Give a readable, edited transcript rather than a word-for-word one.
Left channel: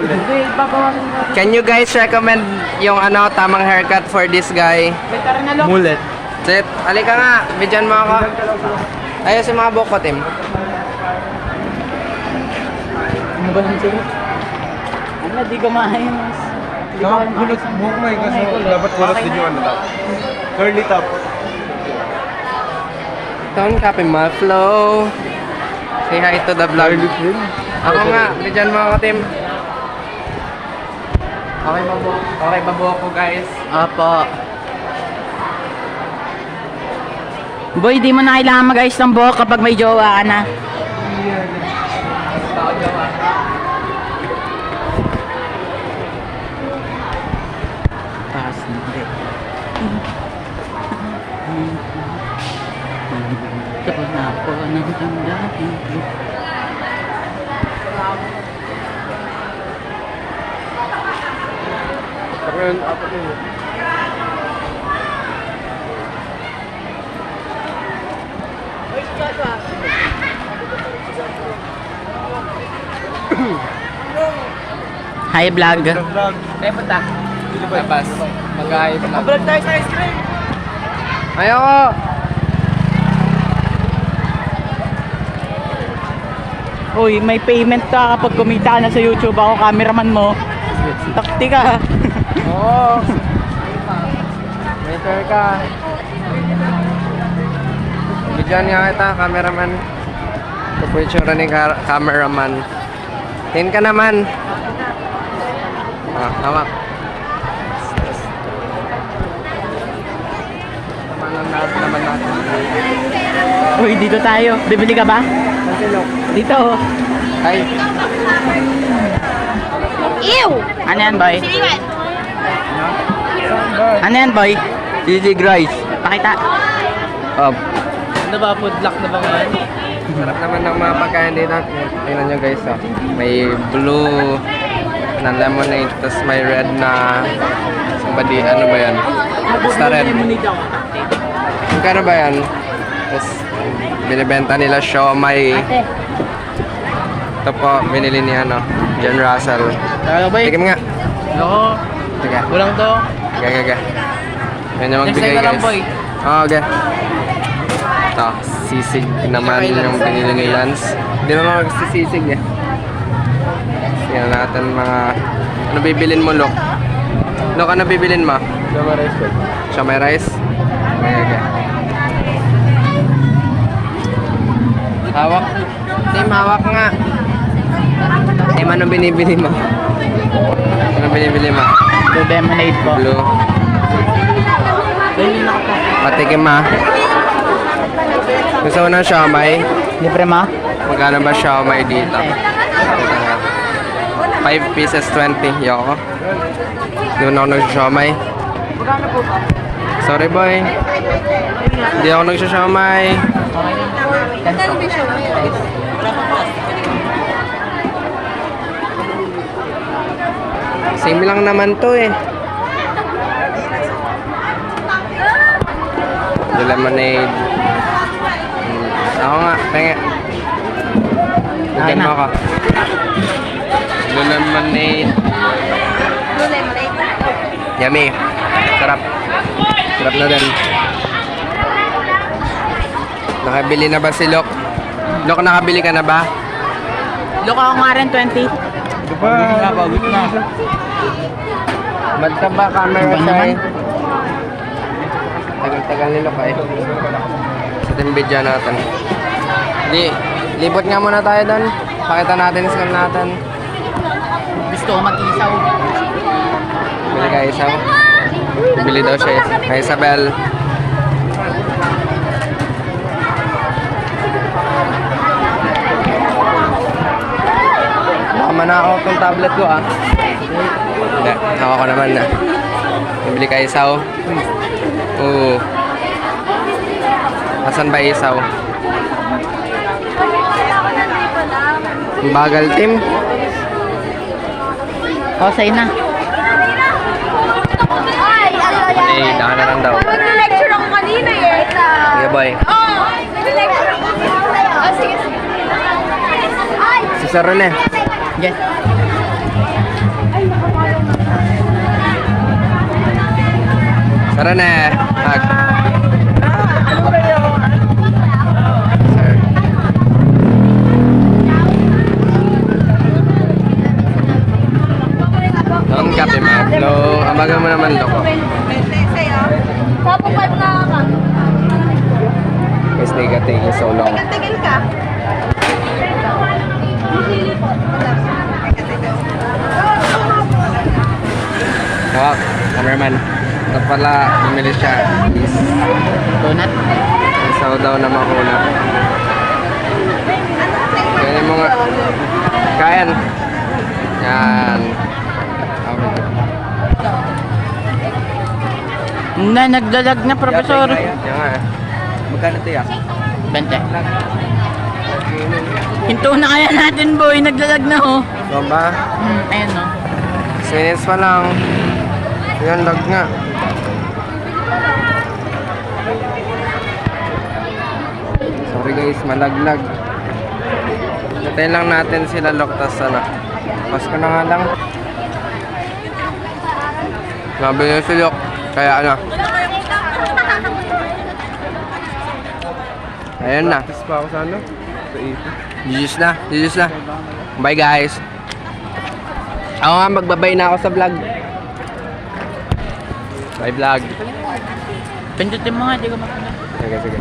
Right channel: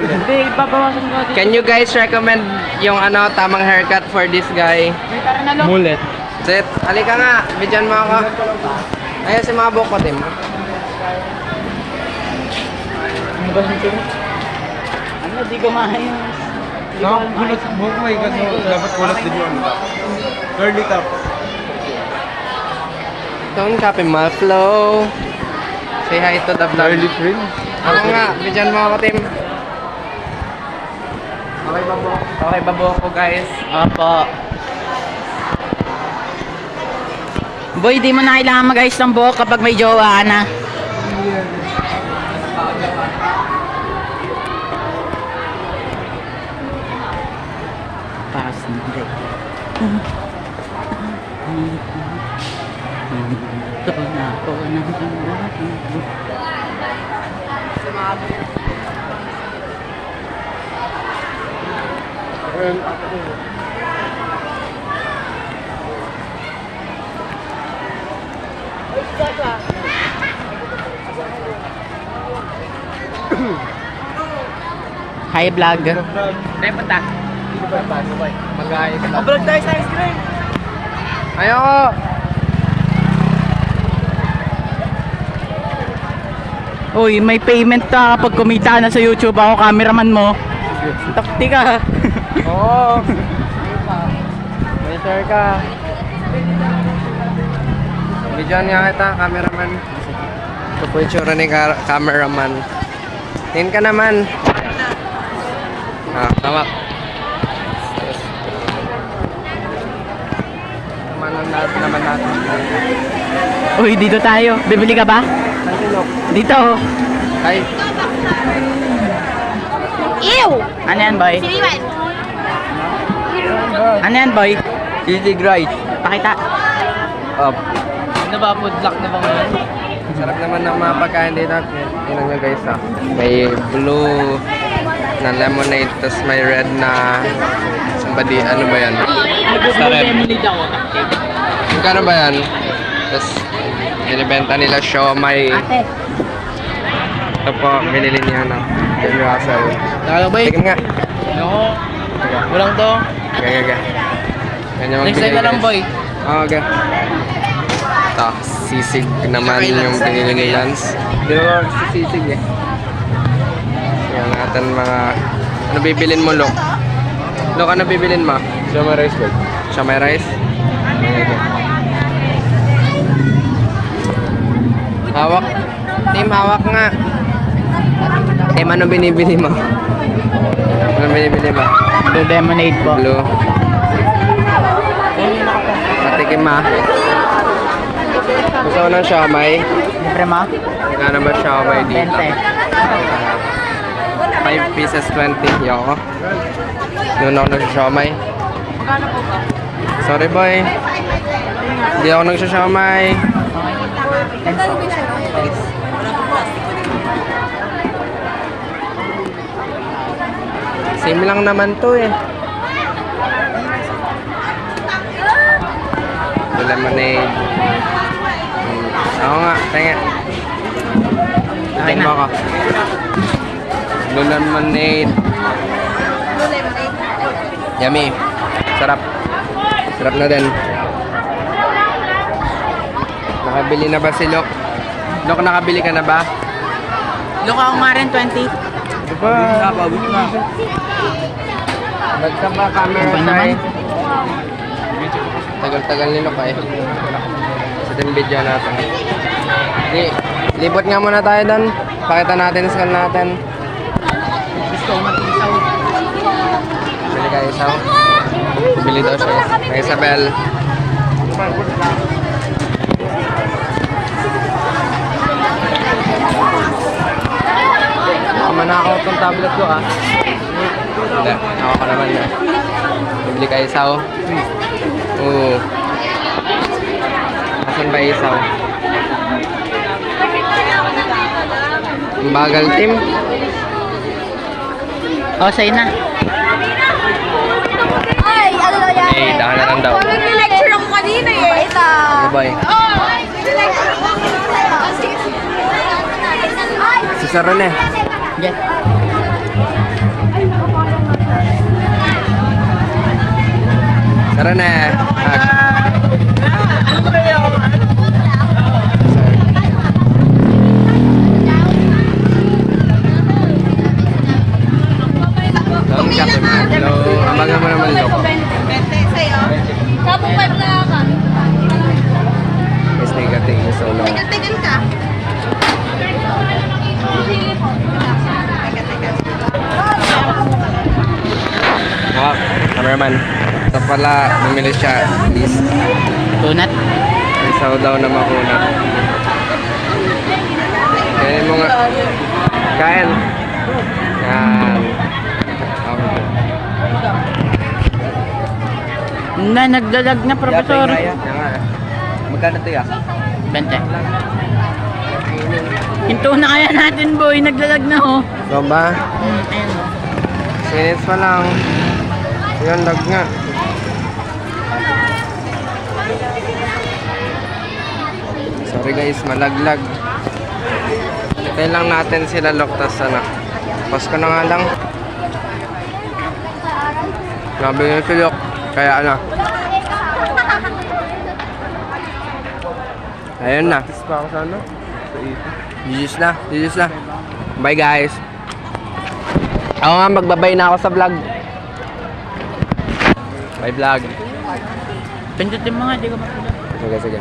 Hindi, babawasan ko. Can you guys recommend yung tamang haircut for this guy? Mullet. Sit, halika nga, bidyan mo ako. Ayos yung mga buhok ko, Tim. Ano ba yung tulo? Ano, di kumain. Bulot buhok mo kasi dapat bulot din yung curly top. Don't copy my flow. Say hi to the vlog. Curly print. Ako nga, bidyan mo ako, Tim. Okay ba buhok ko, guys? Opo. Boy, di mo na kailangan mag-ayos ng buhok kapag may jowa ka na. Pass hindi. Ito na po ng tanggahin ko. Hi vlog. Mag-ayos na. Vlog tayo sa ice cream. Ayoko! Uy, may payment ka kapag kumita na sa YouTube. Ako cameraman mo. Takti ka. Oo! Waiter ka. Bidyan nga kita, cameraman. Ito po yung tsura ni cameraman. Tingin ka naman. Hawak. Tamanan naman natin. Uy, dito tayo. Bibili ka ba? Kantilok. Dito. Ay. Ew! Ano yan, boy? Ano yan, boy? Easy rice. Pakita. Ano ba? Food luck na ba ngayon? Sarap naman ng mga pagkain dito. Tingnan nyo guys May blue na lemonade, tapos may red na somebody, ano ba yan? Sarap. Magkano ba yan? Tapos binibenta nila siomay. Ito po, binili ni John Russell. Tara, boy. Tigam nga. Oo. Tiga. Walang to. Gaga. Ganyan Next time na lang, boy. Oo, okay. Ito, sisig naman yung pinili ni Lance. Hindi naman magsisisig eh. Tingnan natin mga... Ano bibilin mo, Lok? Lok, ano bibilin mo? Sama rice bag. Siomay rice? Okay. Hawak. Tim, hawak nga. Tim, ano binibili mo? Ano binibili mo? The lemonade po. Blue. Matikim Gusto ko ng siomay. Libre ma? Magkano ba siomay dito? 5 pieces 20. Yoko. Doon ako nagsasiomay. Magkano po ba? Sorry boy. Hindi ako nagsasiomay. Same lang naman to eh. The lemonade. Ako nga, pengen. Tignan mo ako. The lemonade. Yummy. Sarap. Sarap na din. Nakabili na ba si Lok? Lok, nakabili ka na ba? Loka ako nga rin, 20. Diba? Magsama camera Ano tayo. naman? Tagal-tagal ni Lok eh. Sa timbidya natin. Libot nga muna tayo doon. Pakita natin yung skill natin. Gusto ko mag-isaw. Bili ka isaw. Bili daw siya. Kay Isabel. Tama na ako itong tablet ko Hindi. Ako naman na. Bili ka isaw. Oo. Nasaan ba isaw? Ang bagal, Tim. Sa'yo na. Panay, dahanan daw. Nag-lecture ako kanina eh. Sige, boy. Nag-lecture ako. Sige. Si Sir Rene. Yes. Tara na. Hug. Ang kape mo. Hello. Ang baga mo naman loko. Tapos na ka. Mas negative so long. Tigil ka. Oh, cameraman. Ito pala, bumili siya. This. Donut. Isaw daw na makunat. Kainin mo nga. Kain. Yan. Okay. Na, naglalag na, Professor. Magkano ito ya? 20. Hinto na kaya natin, boy. Naglalag na, oh. Ba? Ayun, oh. 6 minutes pa lang. Yun, lag nga. Sorry guys, malaglag. Hintayin lang natin sila Loktas sana. Pasko na nga lang. Sabi niyo si Lok. Kaya ano. Ayun na. Jesus na. Bye guys. Ako nga, magbabay na ako sa vlog. Bye vlog. Pindutin mo nga, di ko mapala. Sige.